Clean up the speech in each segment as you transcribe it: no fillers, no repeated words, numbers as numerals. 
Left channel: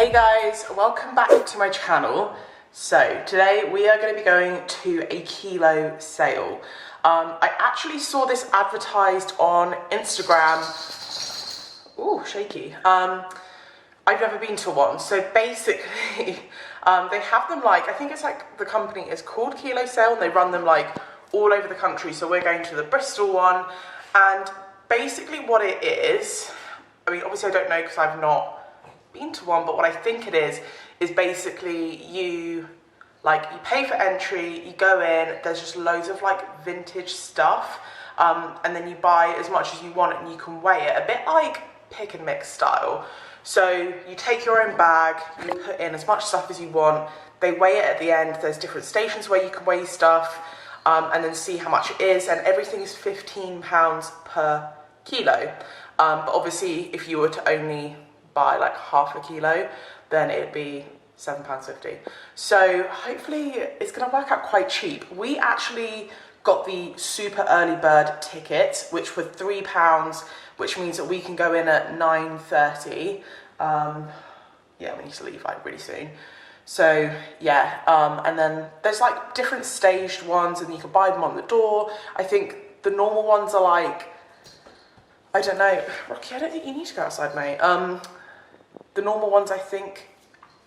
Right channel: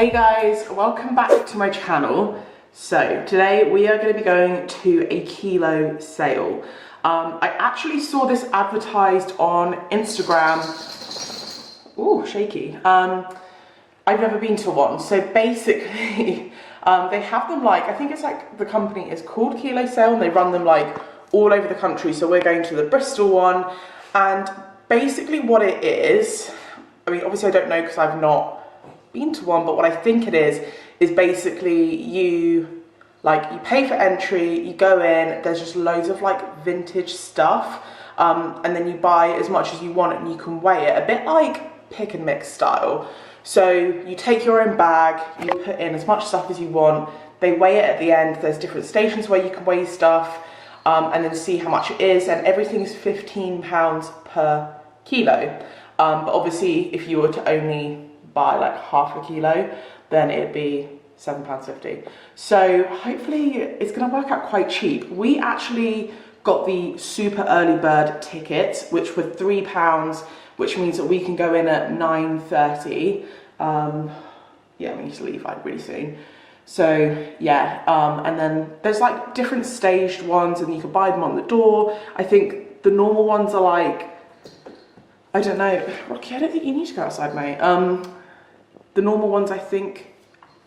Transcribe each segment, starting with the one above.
Hey guys, welcome back to my channel. So today we are going to be going to a kilo sale. I actually saw this advertised on Instagram. Ooh, shaky. I've never been to one. So basically, they have them like, I think it's like, the company is called Kilo Sale and they run them like all over the country. So we're going to the Bristol one, and basically what it is, I mean, obviously I don't know because I've not been to one, but what I think it is basically you pay for entry, you go in, there's just loads of like vintage stuff, and then you buy as much as you want and you can weigh it, a bit like pick and mix style. So you take your own bag, you put in as much stuff as you want, they weigh it at the end, there's different stations where you can weigh stuff, and then see how much it is, and everything is £15 per kilo. But obviously if you were to only buy like half a kilo, then it'd be £7.50. So hopefully it's gonna work out quite cheap. We actually got the super early bird ticket, which were £3, which means that we can go in at 9:30. Yeah, we need to leave like really soon. So yeah, and then there's like different staged ones and you can buy them on the door. I think the normal ones are like, I don't know, Rocky, I don't think you need to go outside, mate. The normal ones, I think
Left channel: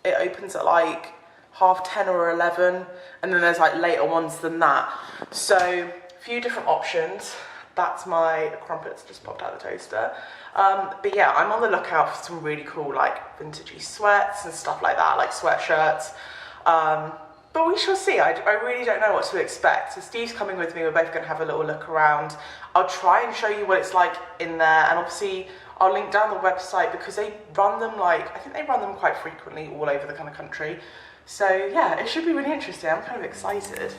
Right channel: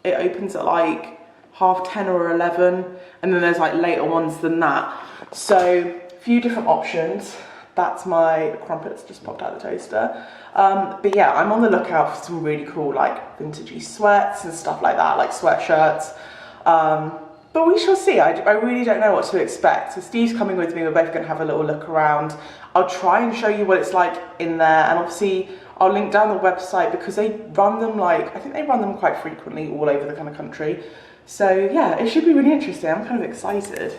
it opens at like 10:30 or 11, and then there's like later ones than that. So a few different options. That's my crumpets just popped out of the toaster. But yeah, I'm on the lookout for some really cool like vintagey sweats and stuff like that, like sweatshirts. But we shall see. I really don't know what to expect. So Steve's coming with me. We're both going to have a little look around. I'll try and show you what it's like in there. And obviously I'll link down the website because they run them like, I think they run them quite frequently all over the kind of country. So yeah, it should be really interesting. I'm kind of excited.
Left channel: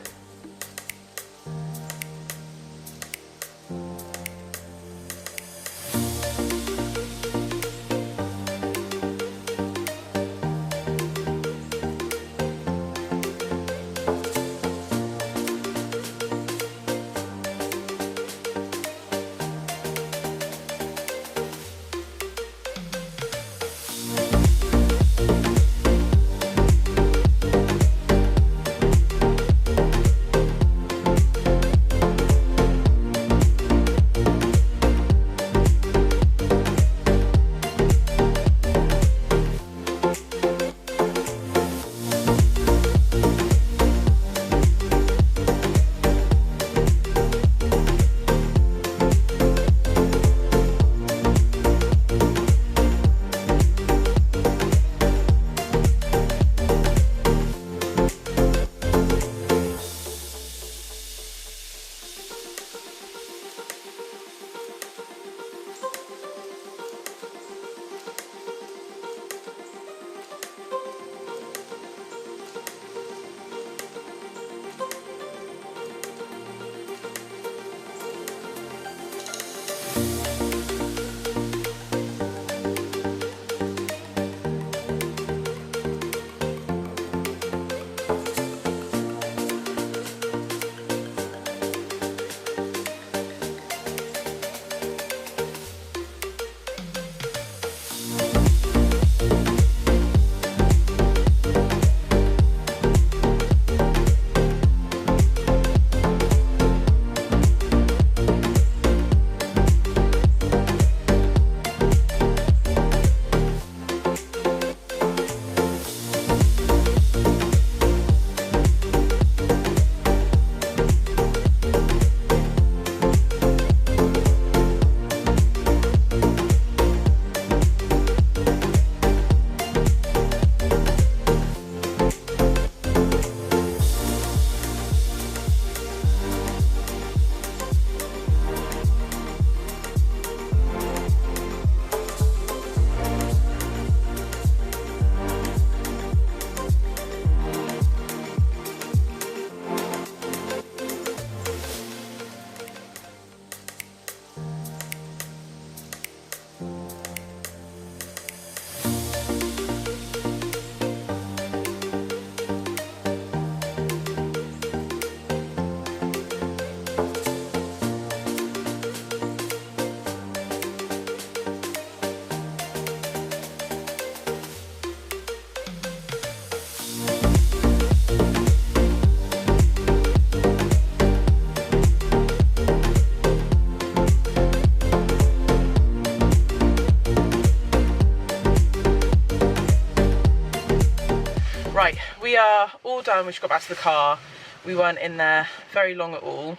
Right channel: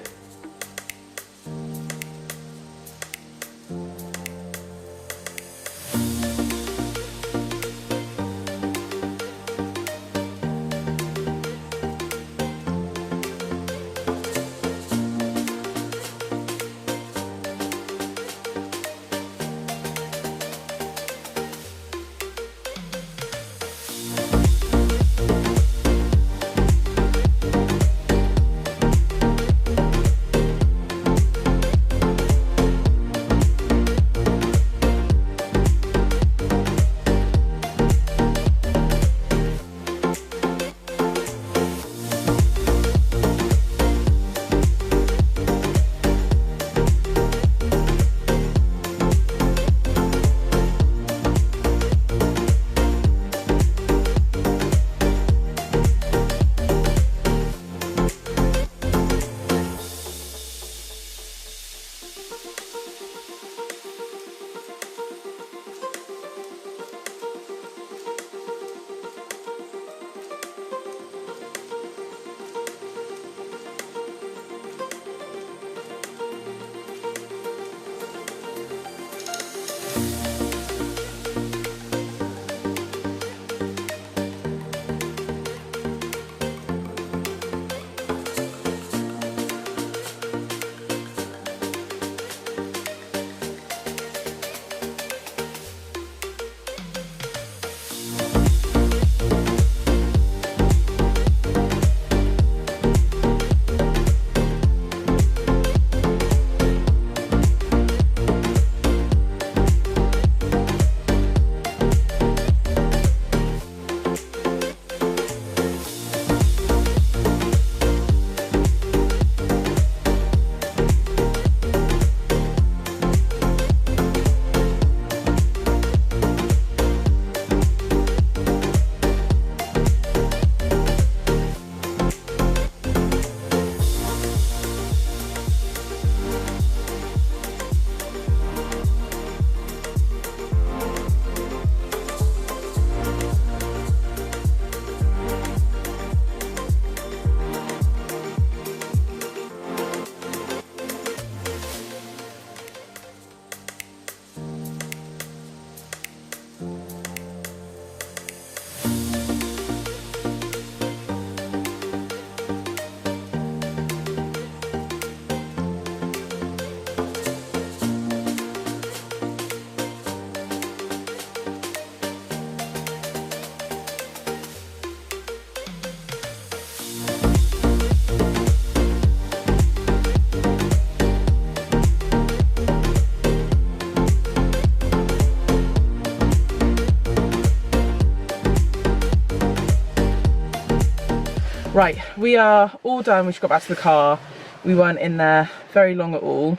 we are all done. We just got back to the car. We weren't in there very long at all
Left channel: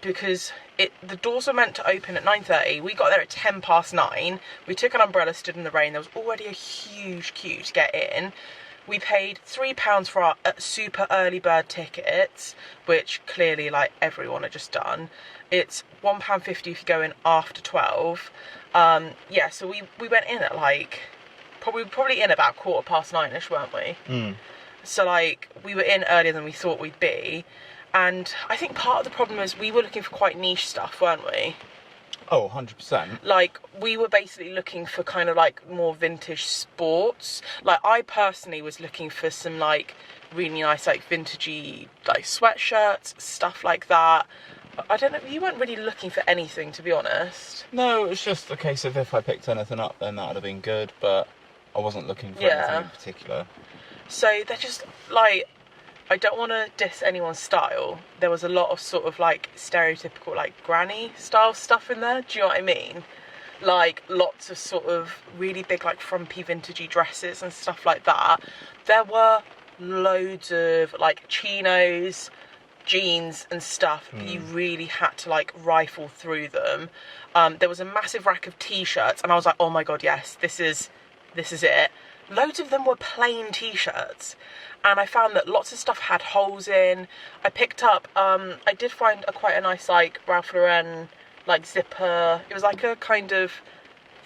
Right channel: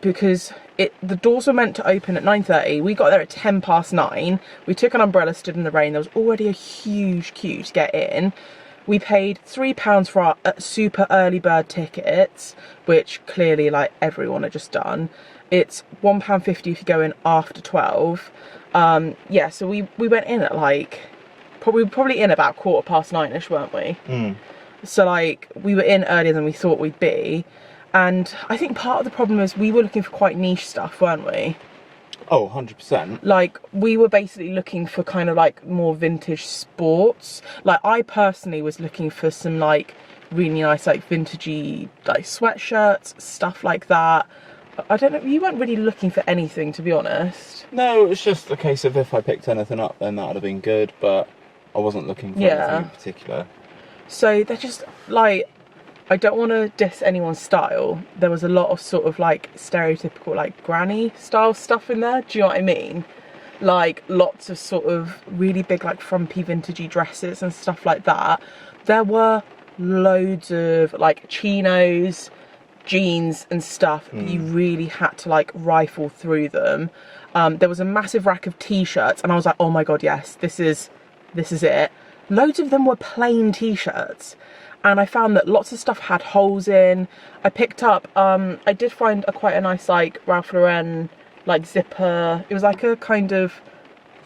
because the doors were meant to open at 9:30. We got there at 9:10. We took an umbrella, stood in the rain. There was already a huge queue to get in. We paid £3 for our super early bird tickets, which clearly like everyone had just done. It's £1.50 if you go in after 12. Yeah, so we went in at like probably in about 9:15ish, weren't we? So like we were in earlier than we thought we'd be, and I think part of the problem is we were looking for quite niche stuff, weren't we? Oh, 100%. Like we were basically looking for kind of like more vintage sports. Like I personally was looking for some like really nice like vintagey like sweatshirts, stuff like that. I don't know, you weren't really looking for anything, to be honest. No, it was just a case of if I picked anything up, then that would have been good, but I wasn't looking for anything in particular. So they're just like, I don't want to diss anyone's style. There was a lot of sort of like stereotypical like granny style stuff in there. Do you know what I mean? Like lots of sort of really big like frumpy vintagey dresses and stuff like that. There were loads of like chinos, jeans and stuff, but you really had to like rifle through them. There was a massive rack of t-shirts and I was like, oh my god, yes, this is it. Loads of them were plain t-shirts, and I found that lots of stuff had holes in. I picked up I did find quite a nice like Ralph Lauren like zipper. It was like a kind of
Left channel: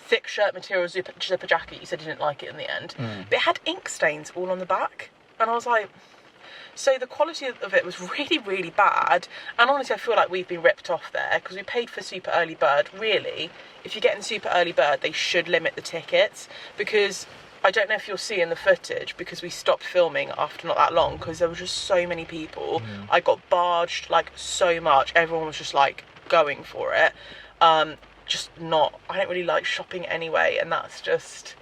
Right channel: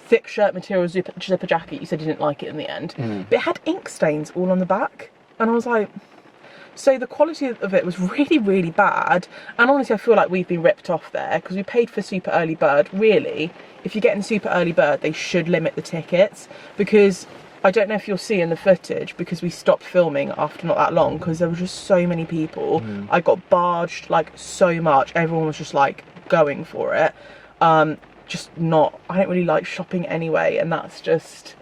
thick shirt material zipper jacket. You said you didn't like it in the end, but it had ink stains all on the back, and I was like, so the quality of it was really, really bad. And honestly, I feel like we've been ripped off there because we paid for super early bird. Really, if you're getting super early bird, they should limit the tickets, because I don't know if you'll see in the footage, because we stopped filming after not that long because there were just so many people. I got barged like so much. Everyone was just like going for it. I don't really like shopping anyway, and that's just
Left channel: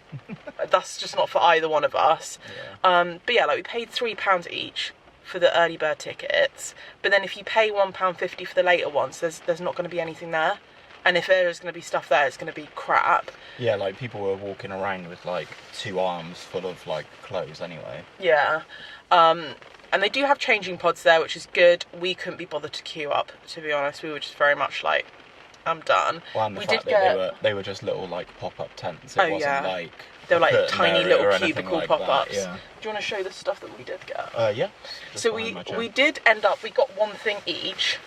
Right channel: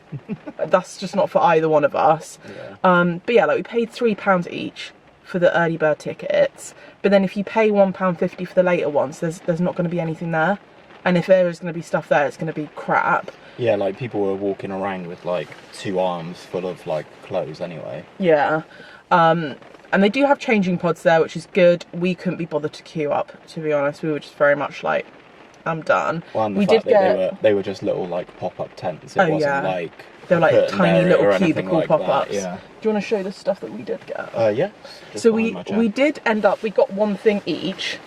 not for either one of us. But yeah, like we paid £3 each for the early bird tickets, but then if you pay £1.50 for the later ones, there's not going to be anything there, and if there is going to be stuff there, it's going to be crap. Yeah, like people were walking around with like 2 arms full of like clothes anyway. Yeah. And they do have changing pods there, which is good. We couldn't be bothered to queue up, to be honest. We were just very much like, I'm done. Well, and they were just little like pop-up tents. It wasn't like they were like tiny little cubicle like pop-ups. Yeah. Do you want to show the stuff that we did get? Yeah. So we did end up, we got one thing each.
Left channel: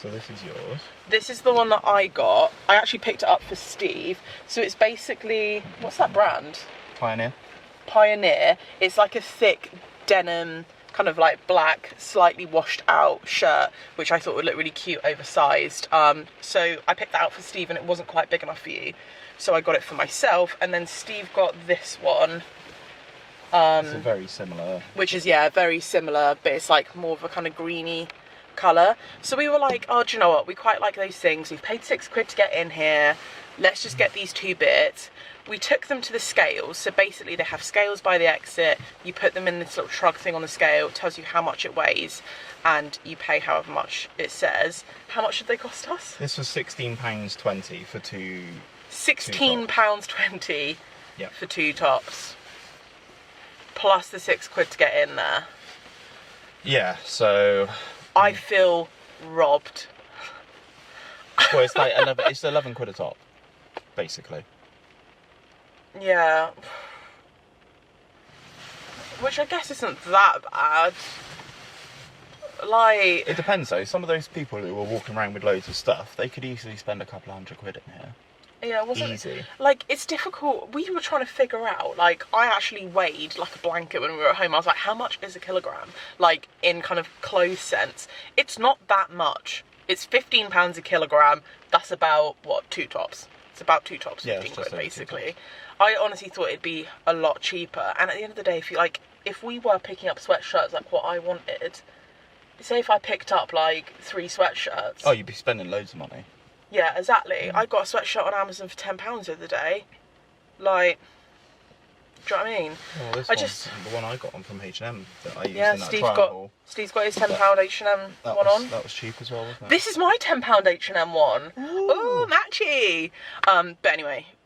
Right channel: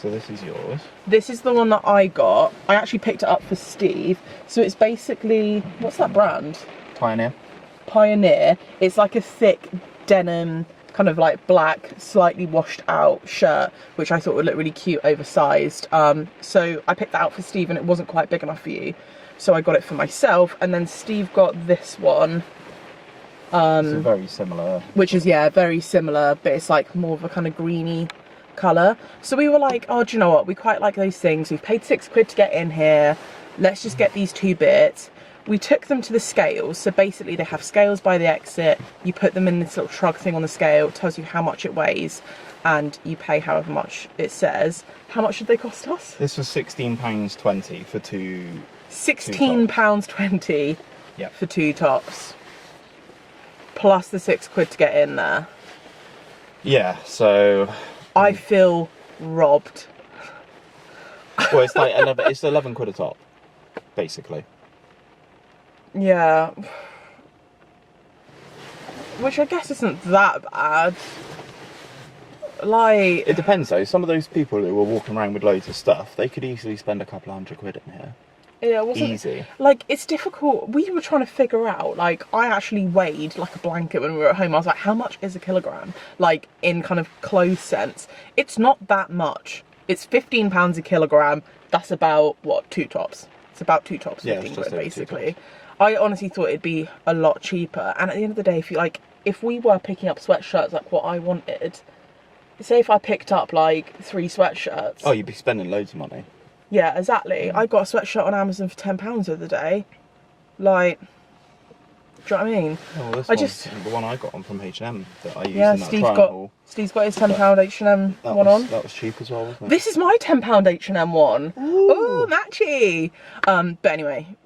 So this is yours. This is the one that I got. I actually picked it up for Steve. So it's basically, what's that brand? Pioneer. It's like a thick denim, kind of like black, slightly washed out shirt, which I thought would look really cute, oversized. So I picked that out for Steve, and it wasn't quite big enough for you. So I got it for myself, and then Steve got this one. It's very similar. Which is, yeah, very similar, but it's like more of a kind of greeny colour. So we were like, oh, do you know what? We quite like those things. We've paid £6 to get in here. Let's just get these 2 bits. We took them to the scales. So basically they have scales by the exit. You put them in this little shrug thing on the scale. It tells you how much it weighs, and you pay however much it says. How much did they cost us? This was £16.20 for two. £16.20 for 2 tops. Plus the £6 to get in there. Yeah, so I feel robbed. Well, it's like 11. It's £11 a top, basically. Yeah. Which I guess isn't that bad. Like, it depends though. Some of those people who were walking around with loads of stuff, they could easily spend a couple £100 in here. Yeah, it wasn't easy. Like, it's difficult. We were trying to figure out, like, I actually weighed like a blanket when we were at home. I was like, how much is a kilogram? Like, in kind of clothes sense. It's not that much. It's £15 a kilogram. That's about, what, 2 tops? It's about 2 tops, £15 basically. I honestly thought it'd be a lot cheaper. And at the end of the day, if we were picking up sweatshirts like what I wanted, say if I picked up like 3 sweatshirts. Oh, you'd be spending loads of money. Yeah, exactly. I got a sweatshirt on Amazon for £10 the other day. Like, Do you know what I mean? Oh, this I one's just the one I got on from H&M that I used yeah, in that trial haul. Steve's got his £10 H&M one on. That was cheap as well, wasn't it? This is my £10 H&M one. Ooh. Ooh, matchy. But anyway,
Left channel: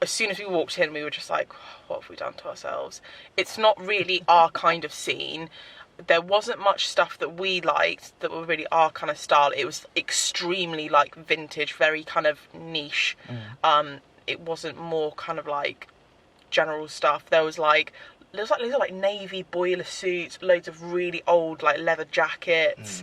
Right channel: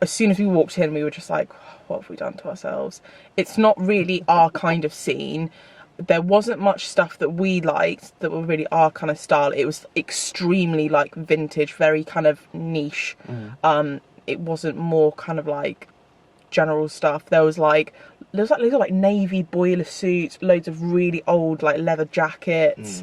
as soon as we walked in, we were just like, what have we done to ourselves? It's not really our kind of scene. There wasn't much stuff that we liked that were really our kind of style. It was extremely like vintage, very kind of niche. It wasn't more kind of like general stuff. There was like loads of like navy boiler suits, loads of really old like leather jackets.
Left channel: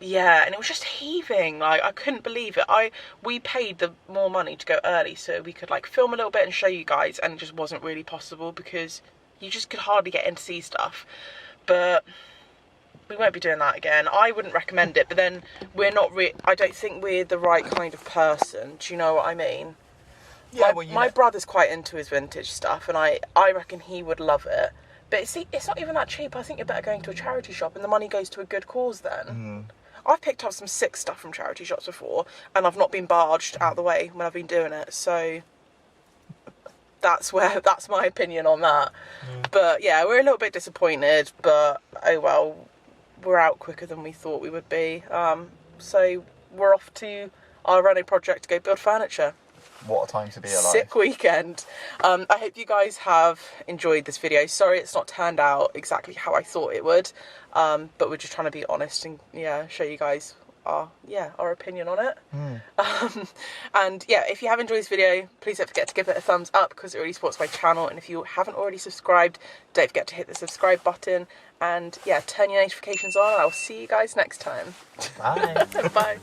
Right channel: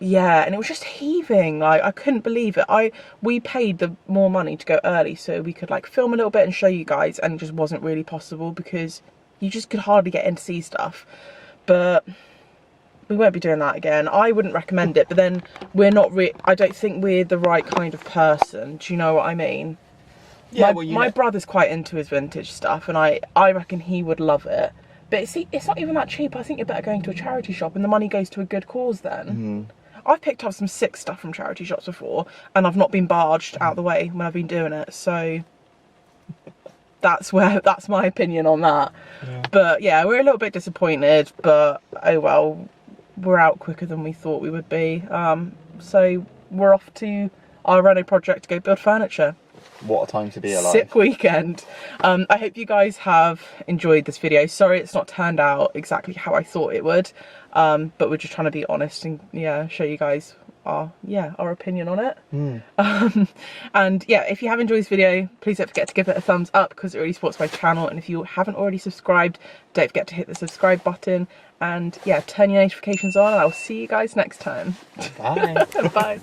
Yeah, and it was just heaving. Like, I couldn't believe it. We paid the more money to go early so we could like film a little bit and show you guys, and it just wasn't really possible because you just could hardly get in to see stuff. But we won't be doing that again. I wouldn't recommend it, but then I don't think we're the right kind of person. Do you know what I mean? Yeah, my brother's quite into his vintage stuff, and I reckon he would love it. But see, it's not even that cheap. I think you're better going to a charity shop, and the money goes to a good cause then. I've picked up some sick stuff from charity shops before, and I've not been barged out of the way when I've been doing it. So that's my opinion on that. Yeah. But yeah, we're a little bit disappointed, but oh well, we're out quicker than we thought we would be. So we're off to our Renault project to go build furniture. What a time to be alive. Sick weekend. I hope you guys have enjoyed this video. Sorry it's not turned out exactly how I thought it would. But we're just trying to be honest and yeah, show you guys our opinion on it. And yeah, if you have enjoyed this video, please don't forget to give it a thumbs up because it really supports my channel. And if you haven't already subscribed, don't forget to hit the subscribe button and yeah, turn your notifications on. I'll see you guys next time. Bye. Bye.